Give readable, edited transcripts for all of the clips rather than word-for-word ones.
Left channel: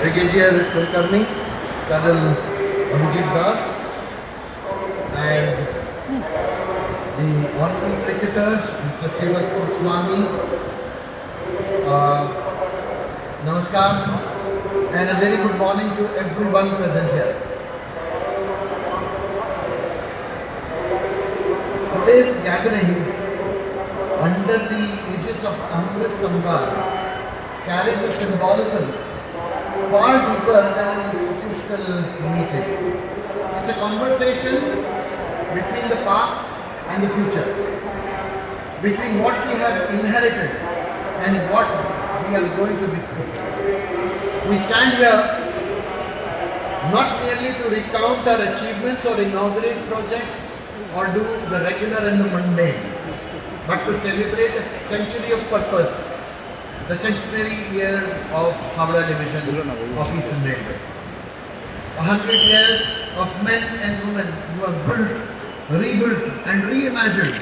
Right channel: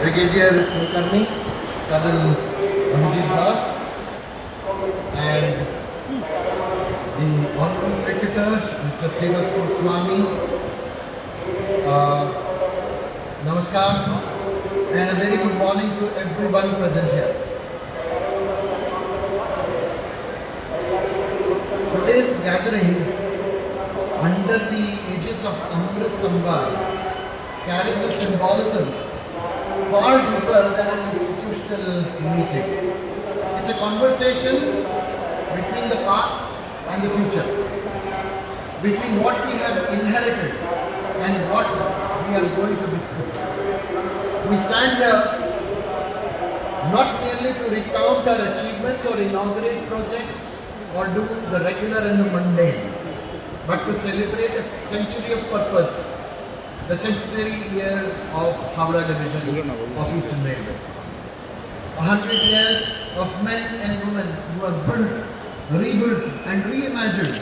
Brigadier Kulkarni, Colonel Abhijit Das, and the Honorable Cricketer, Mr. Srivat Goswami. Namaskar, and a very good morning to everyone present here. Today's gathering, under the aegis of Amrit Samvad, carries a symbolism far deeper than an institutional meeting. It's a conversation between the past and the future, between what we have inherited and what we are going to become. We stand here not merely to recount our achievements or inaugurate projects or do the regular and the mundane, but to celebrate a century of purpose, the centenary year of Howrah Division of Eastern Railway. 100 years of men and women who have built, rebuilt and reimagined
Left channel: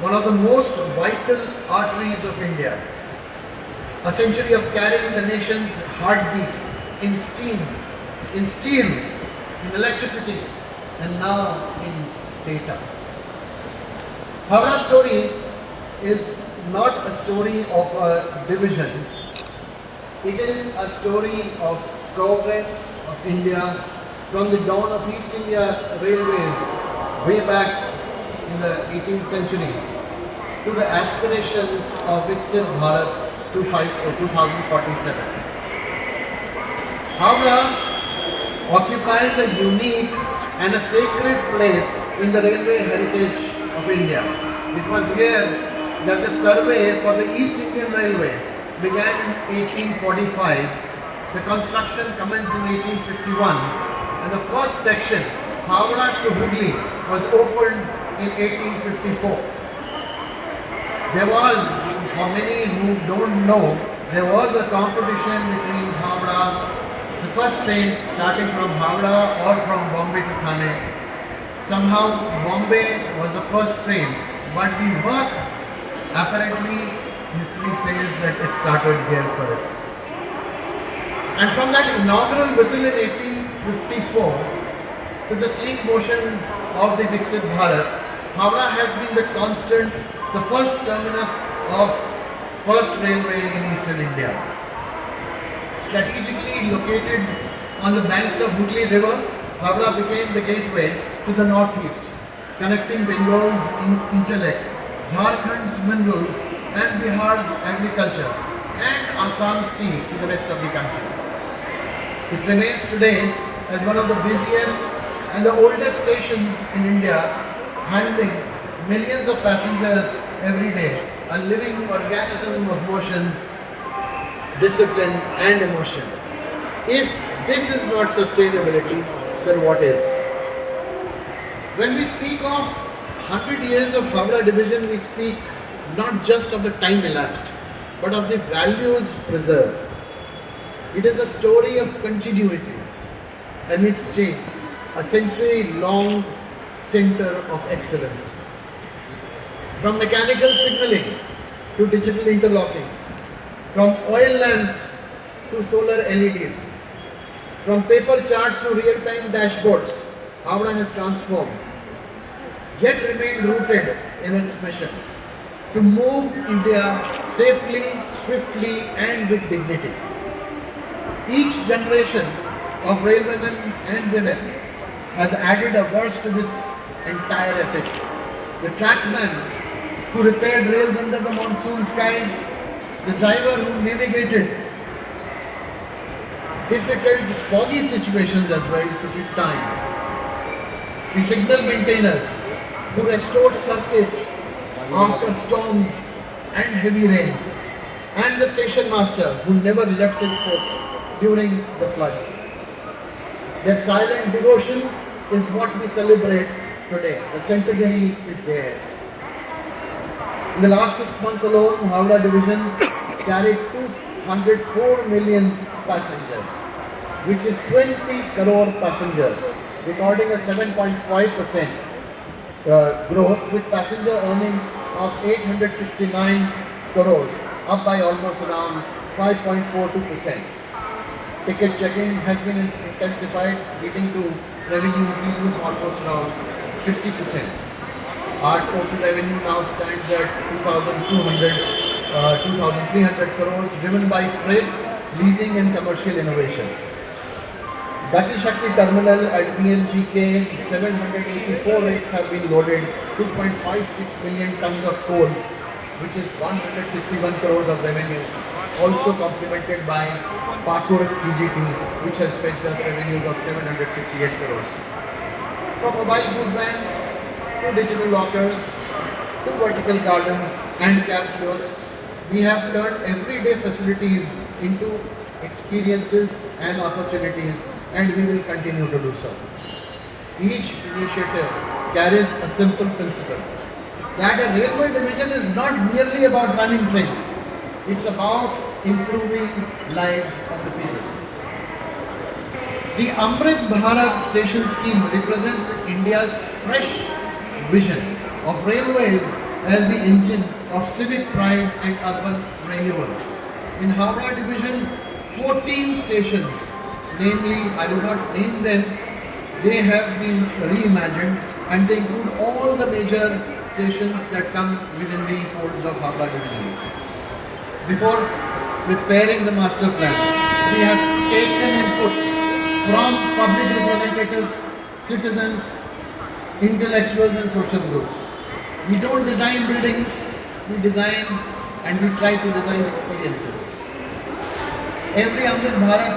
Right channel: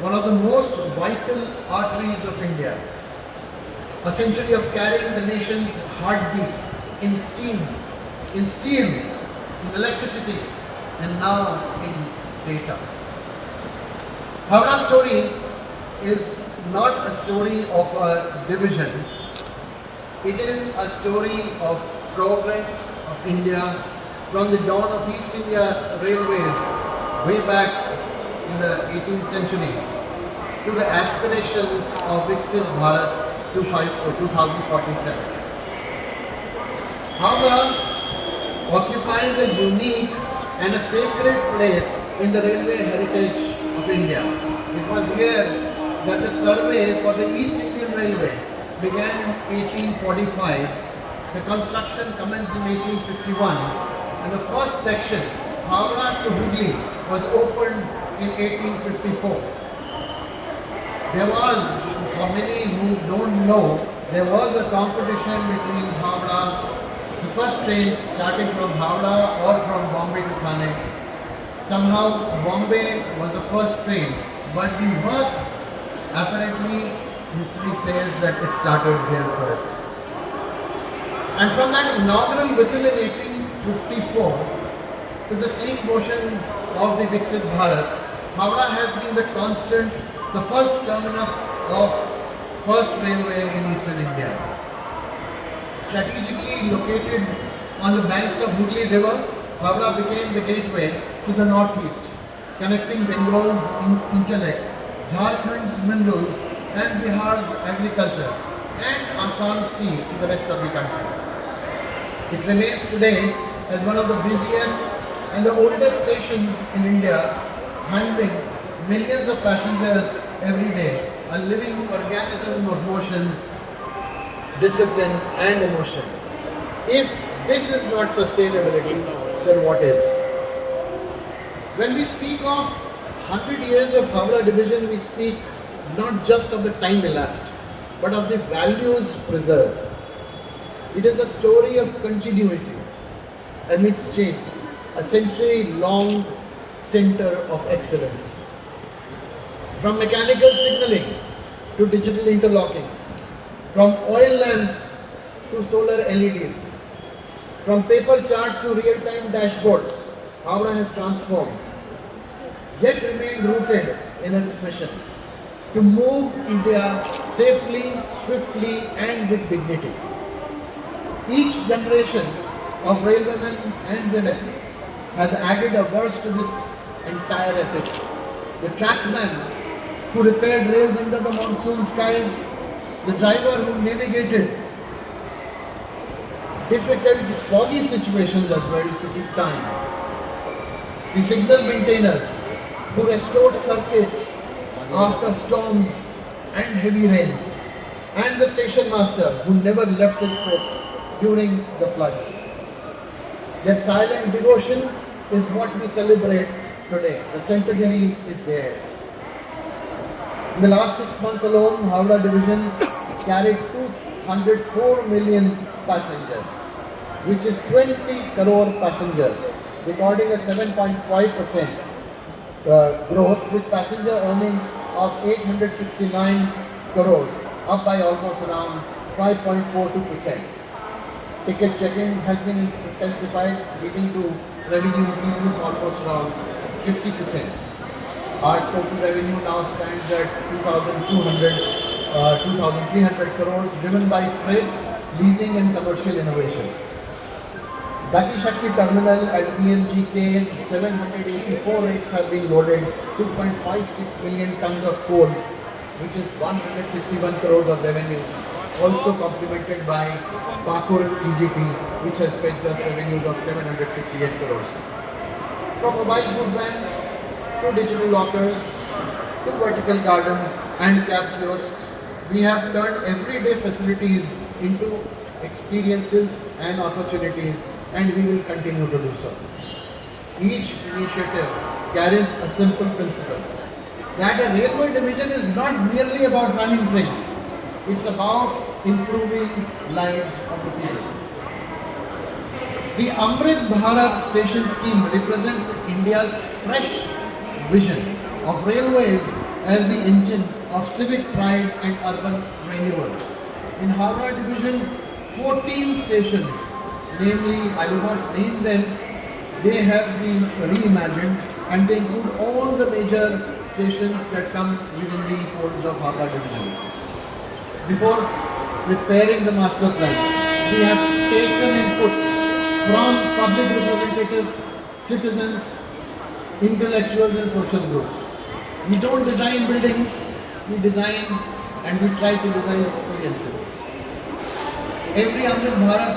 one of the most vital arteries of India. A century of carrying the nation's heartbeat in steam, in steel, in electricity, and now in data. Howrah's story is not a story of a division. It is a story of progress of India from the dawn of East India Railways way back in the 18th century to the aspirations of Viksit Bharat 2047. Howrah occupies a unique and a sacred place in the railway heritage of India. It was here that the survey for the East Indian Railway began in 1845. The construction commenced in 1851, and the first section, Howrah to Hooghly, was opened in 1854. There was, for many who don't know, there was a competition between Howrah, the first train starting from Howrah or from Bombay to Thane. Somehow Bombay was the first train, but the work, apparently history says that it started here first. And from that inaugural whistle in 1854 to the steam motion of the Viksit Bharat, Howrah has been the constant, the first terminus of first railway in Eastern India. Strategically located on the banks of Hooghly River, Howrah became the gateway to the northeast, connecting Bengal's intellect, Jharkhand's minerals, and Bihar's agriculture, and Assam's tea to the rest of the country. It remains today as one of the busiest and the oldest stations in India, handling millions of passengers every day, a living organism of motion, discipline and emotion. If this is not sustainability, then what is? When we speak of 100 years of Howrah Division, we speak not just of the time elapsed, but of the values preserved. It is a story of continuity amidst change, a century-long center of excellence. From mechanical signaling to digital interlockings, from oil lamps to solar LEDs, from paper charts to real-time dashboards, Howrah has transformed, yet remained rooted in its mission to move India safely, swiftly and with dignity. Each generation of railwaymen and women has added a verse to this entire epic. The trackman who repaired rails under the monsoon skies, the driver who navigated difficult foggy situations as well to keep time, the signal maintainers who restored circuits after storms and heavy rains, and the station master who never left his post during the floods. Their silent devotion is what we celebrate today. The centenary is theirs. In the last 6 months alone, Howrah Division carried 204 million passengers, which is 20 crore passengers, recording a 7.5% growth with passenger earnings of 869 crores, up by almost around 5.42%. Ticket checking has been intensified, leading to revenue increase of almost around 50%. Our total revenue now stands at 2,300 crores, driven by freight, leasing and commercial innovation. Gati Shakti terminal at BMGK, 784 rakes have been loaded, 2.56 million tons of coal, which is 161 crores of revenue, also complemented by Pakur CGT, which has fetched us revenues of 768 crores. From mobile food vans to digital lockers to vertical gardens and cab kiosks, we have turned everyday facilities into experiences and opportunities, and we will continue to do so. Each initiative carries a simple principle that a railway division is not merely about running trains, it's about improving lives of the people. The Amrit Bharat station scheme represents India's fresh vision of railways as the engine of civic pride and urban renewal. In Howrah division, 14 stations, namely, I will not name them, they have been reimagined and they include all the major stations that come within the folds of Howrah division. Before preparing the master plan, we have taken inputs from public representatives, citizens, intellectuals and social groups. We don't design buildings, we design and we try to design experiences. Every Amrit Bharat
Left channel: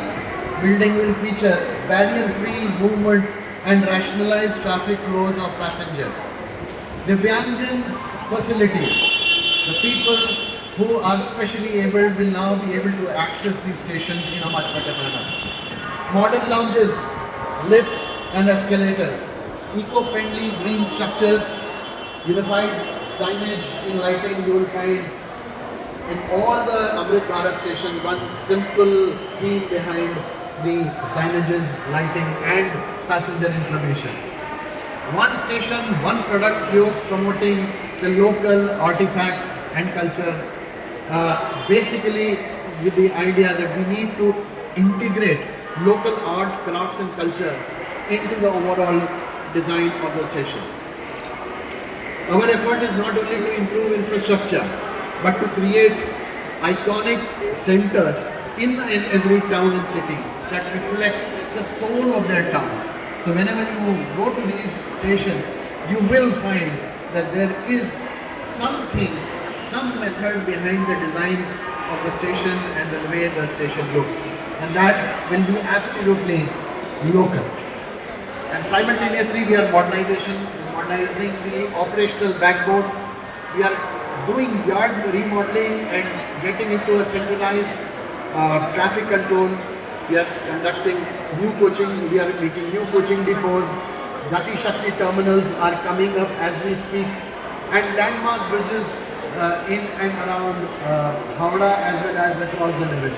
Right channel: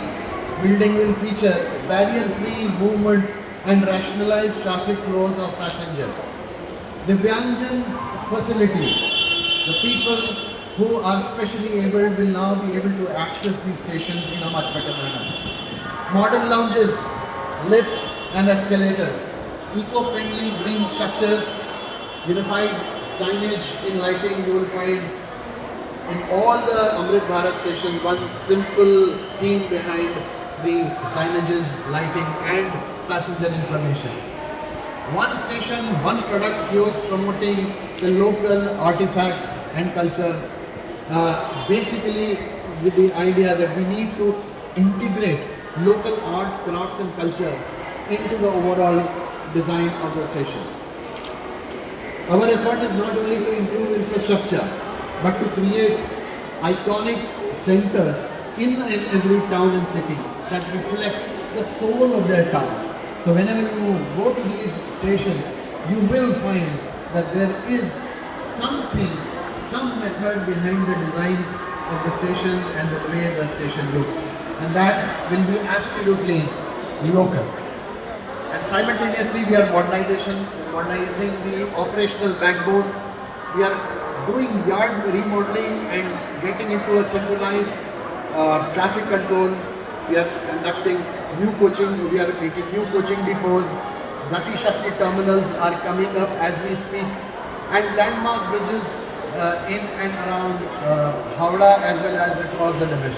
building will feature barrier-free movement and rationalized traffic flows of passengers. The Vyanjan facilities, the people who are specially able will now be able to access these stations in a much better manner. Modern lounges, lifts and escalators, eco-friendly green structures, unified signage in lighting. You will find in all the Amrit Bharat stations one simple theme behind the signages, lighting and passenger information. One station, one product kiosk promoting the local artifacts and culture, basically with the idea that we need to integrate local art, crafts and culture into the overall design of the station. Our effort is not only to improve infrastructure, but to create iconic centers in every town and city that reflect the soul of their town. So whenever you go to these stations, you will find that there is something, some method behind the design of the stations and the way the station looks. And that will be absolutely local. And simultaneously we are modernizing the operational backbone. We are doing yard remodeling and getting into a centralized traffic control. We are conducting new coaching. We are making new coaching depots. Gati Shakti terminals are coming up as we speak. And landmark bridges in and around Howrah as well as across the division.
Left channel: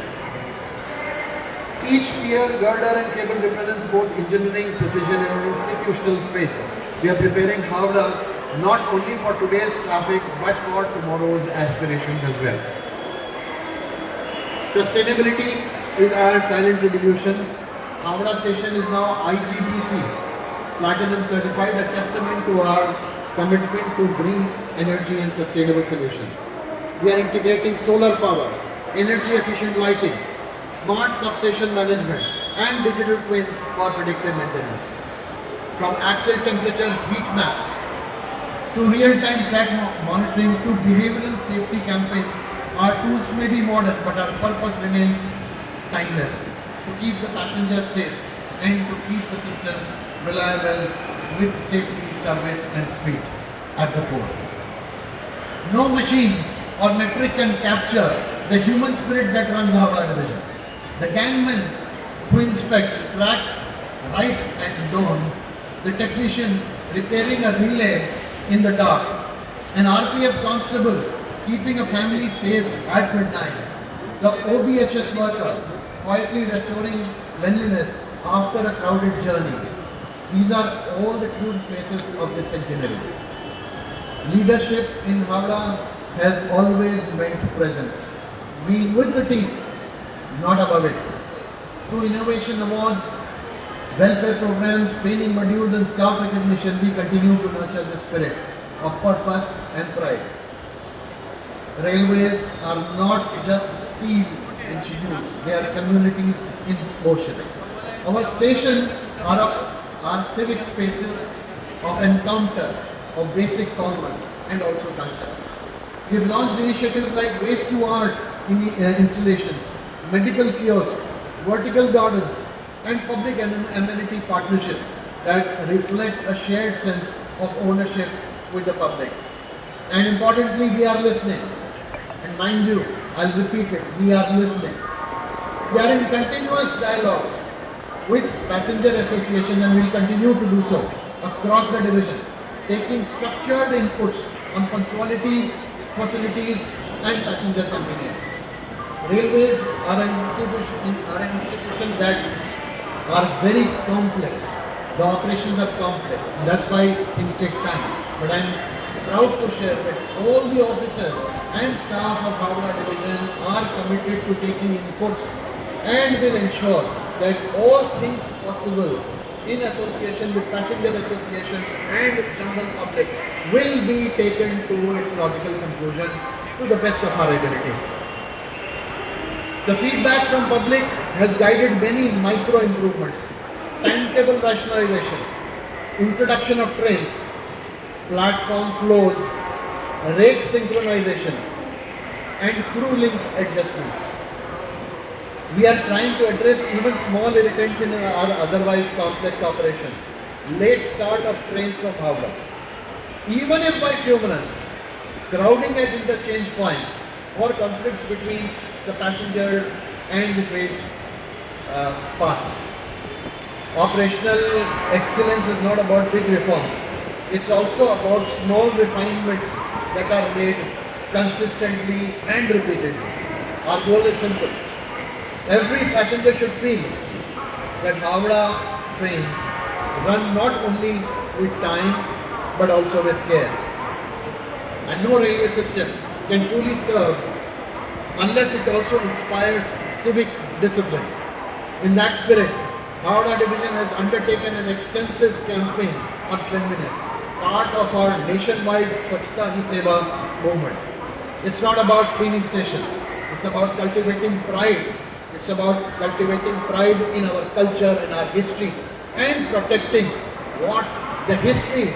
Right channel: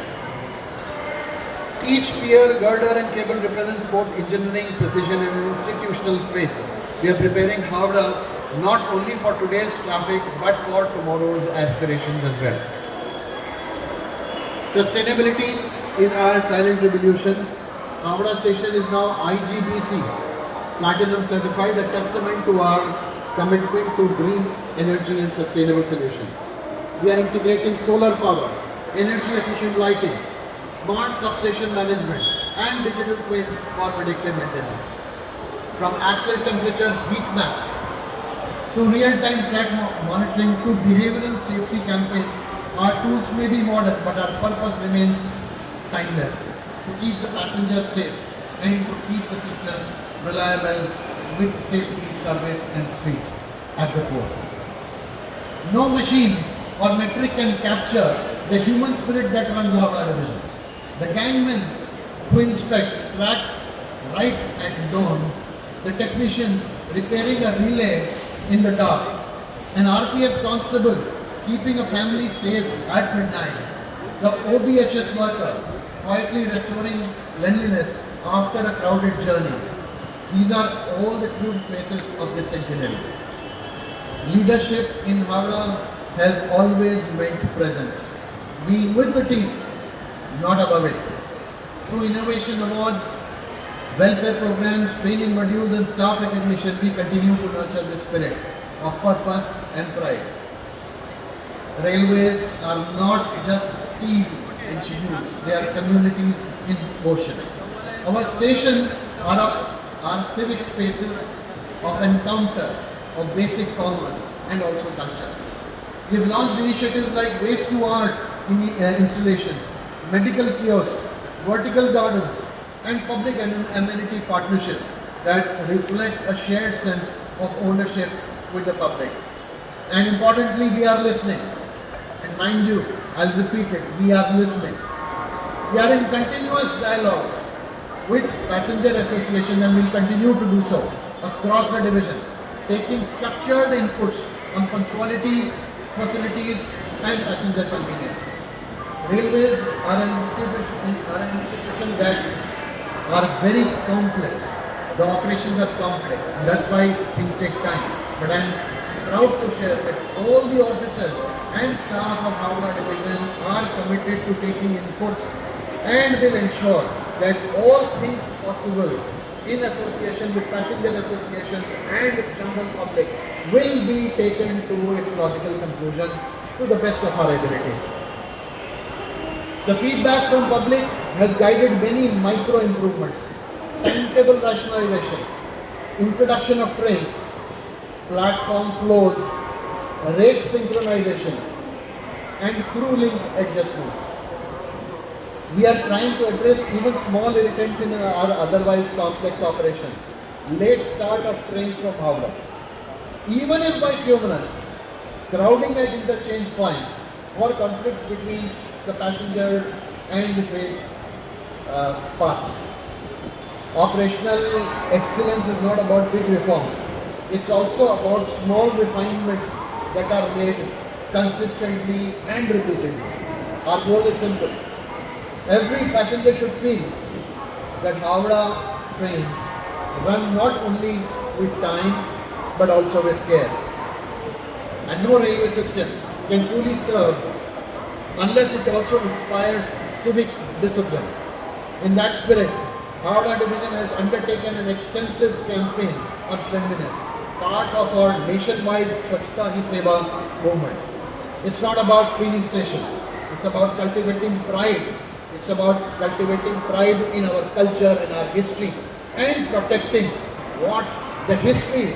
Each pier, girder and cable represents both engineering precision and institutional faith. We are preparing Howrah not only for today's traffic but for tomorrow's aspirations as well. Sustainability is our silent revolution. Howrah station is now IGBC Platinum certified, a testament to our commitment to green energy and sustainable solutions. We are integrating solar power, energy efficient lighting, smart substation management and digital twins for predictive maintenance. From axle temperature heat maps to real-time track monitoring to behavioral safety campaigns, our tools may be modern but our purpose remains timeless, to keep the passengers safe and to keep the system reliable with safety, service and speed at the core. No machine or metric can capture the human spirit that runs our division. The gangman who inspects, tracks, right and down, the technician repairing a relay in the dark, an RPF constable keeping a family safe at midnight, the OBHS worker quietly restoring cleanliness after a crowded journey. These are all the true faces of this centenary. Leadership in Howrah has always meant presence. Being with the team, not above it. Through innovation awards, welfare programs, training modules and staff recognition, we continue to nurture the spirit of purpose and pride. Railways are not just steel in schedules, they are communities in motion. Our stations are civic spaces of encounter, of basic commerce and also culture. We have launched initiatives like Waste to Art installations, medical kiosks, vertical gardens and public amenity partnerships that reflect a shared sense of ownership with the public. And importantly, we are listening. And mind you, I'll repeat it, we are listening. We are in continuous dialogues with passenger associations and will continue to do so across the division, taking structured inputs on punctuality, facilities and passenger convenience. Railways are an institution that are very complex. The operations are complex and that's why things take time. But I am proud to share that all the officers and staff of Howrah Division are committed to taking inputs and will ensure that all things possible in association with passenger associations and general public will be taken to its logical conclusion to the best of our abilities. The feedback from public has guided many micro improvements, timetable rationalization, introduction of trains, platform flows, rake synchronization and crew link adjustments. We are trying to address even small irritants in our otherwise complex operations. Late start of trains from Howrah. Even if by few minutes, crowding at interchange points or conflicts between the passenger and the freight parts. Operational excellence is not about big reforms. It's also about small refinements that are made consistently and repeatedly. Our goal is simple. Every passenger should feel that Howrah trains run not only with time but also with care. And no railway system can truly serve unless it also inspires civic discipline. In that spirit, Howrah Division has undertaken an extensive campaign on cleanliness, part of our nationwide Swachhta Hi Seva movement. It's not about cleaning stations, it's about cultivating pride. It's about cultivating pride in our culture and our history and protecting what the history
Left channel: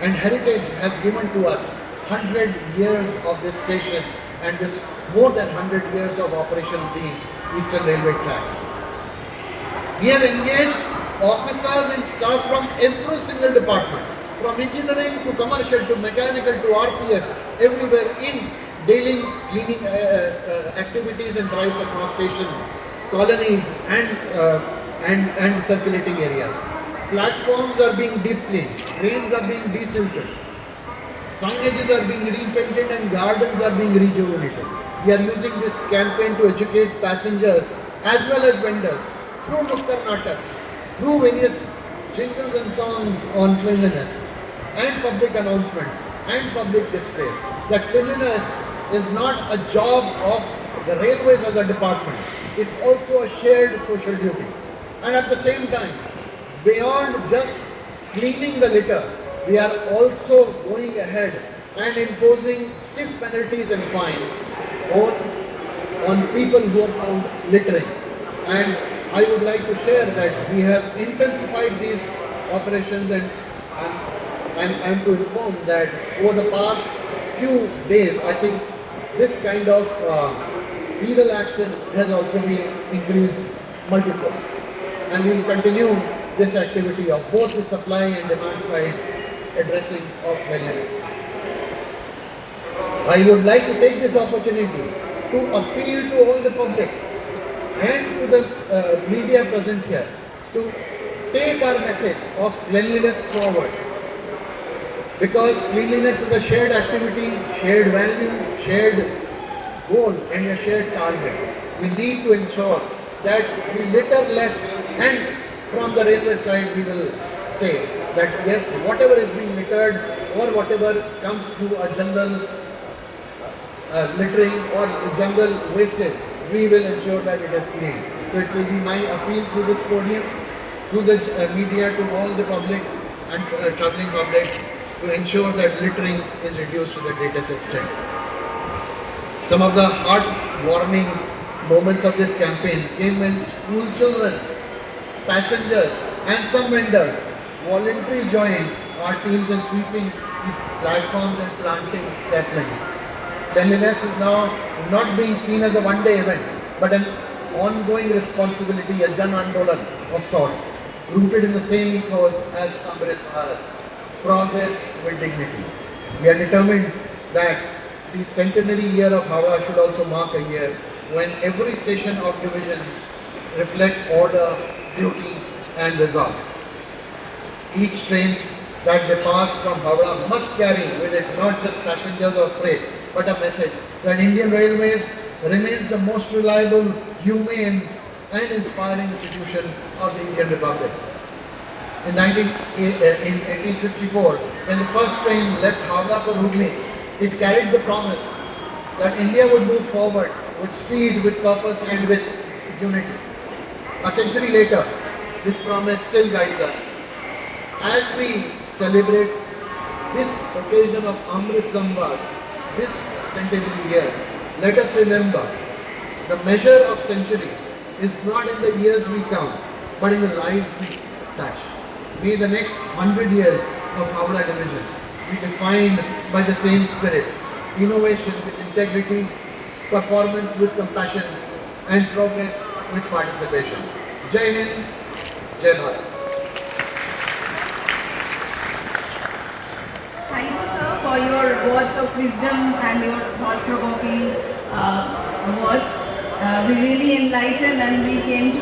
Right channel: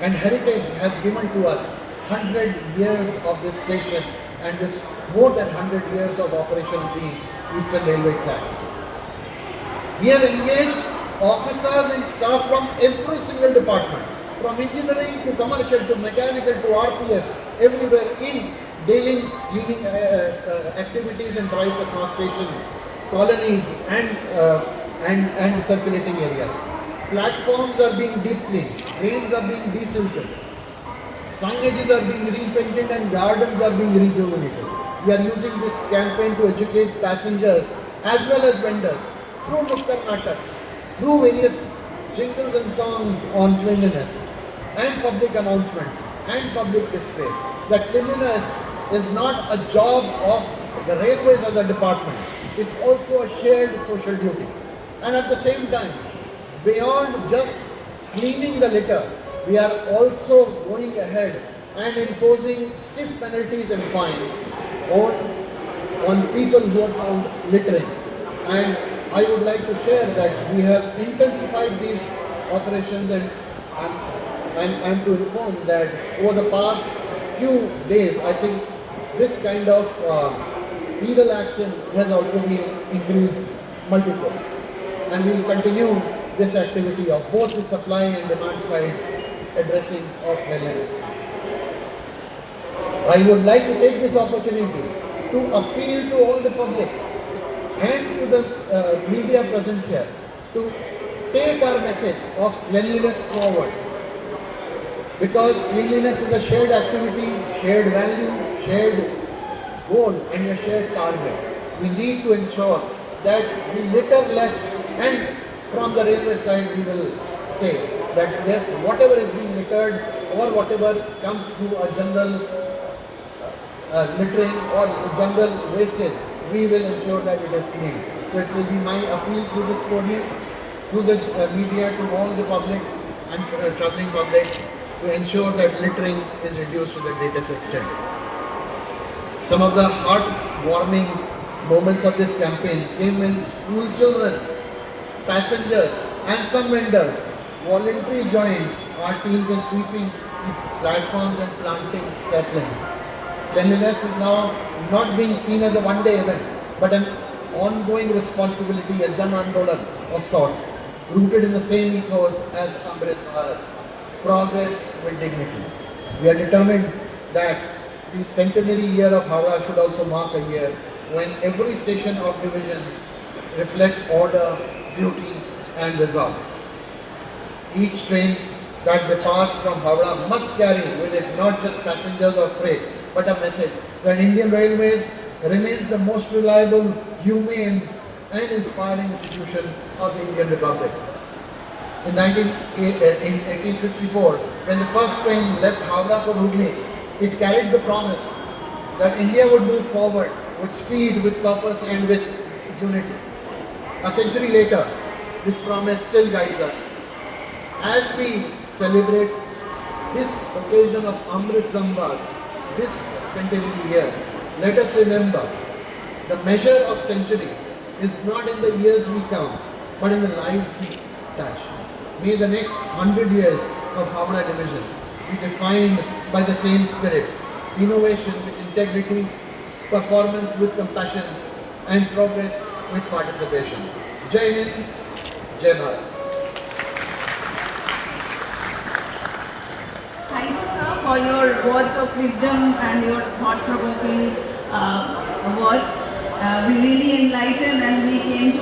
and heritage has given to us. 100 years of this station and this more than 100 years of operation of the Eastern Railway tracks. We have engaged officers and staff from every single department, from engineering to commercial to mechanical to RPF, everywhere in daily cleaning activities and drives across station, colonies and circulating areas. Platforms are being deep cleaned, trains are being desilted, signages are being repainted and gardens are being rejuvenated. We are using this campaign to educate passengers as well as vendors through Nukkad Nataks, through various jingles and songs on cleanliness and public announcements and public displays. That cleanliness is not a job of the railways as a department. It's also a shared social duty. And at the same time, beyond just cleaning the litter, we are also going ahead and imposing stiff penalties and fines on people who are found littering. And I would like to share that we have intensified these operations and to inform that over the past few days, I think this kind of legal action has also been increased multifold. And we will continue this activity of both the supply and demand side addressing of cleanliness. I would like to take this opportunity to appeal to all the public and to the media present here to take our message of cleanliness forward, because cleanliness is a shared activity, shared value, shared goal and a shared target. We need to ensure that we litter less, and from the railway side we will say that yes, whatever is being littered or whatever comes through a general littering or general wastage, we will ensure that it is clean. So it will be my appeal through this podium, through the media to all the public and traveling public to ensure that littering is reduced to the greatest extent. Some of the heartwarming moments of this campaign came when school children, passengers and some vendors voluntarily joined our teams in sweeping platforms and planting saplings. Cleanliness is now not being seen as a one-day event, but an ongoing responsibility, a Jan Andolan of sorts, rooted in the same ethos as Amrit Bharat, progress with dignity. We are determined that the centenary year of Howrah should also mark a year when every station of division reflects order, beauty and resolve. Each train that departs from Howrah must carry with it not just passengers or freight, but a message that Indian Railways remains the most reliable, humane and inspiring institution of the Indian Republic. In 1854, when the first train left Howrah for Hooghly, it carried the promise that India would move forward with speed, with purpose and with unity. A century later, this promise still guides us. As we celebrate this occasion of Amrit Samvad, this centenary year, let us remember the measure of century is not in the years we count, but in the lives we touch. May the next 100 years of Howrah Division be defined by the same spirit, innovation with integrity, performance with compassion, and progress with participation. Jai Hind, Jai Bharat. Thank you, sir, for your words of wisdom and your thought-provoking words. We really enlightened and we came to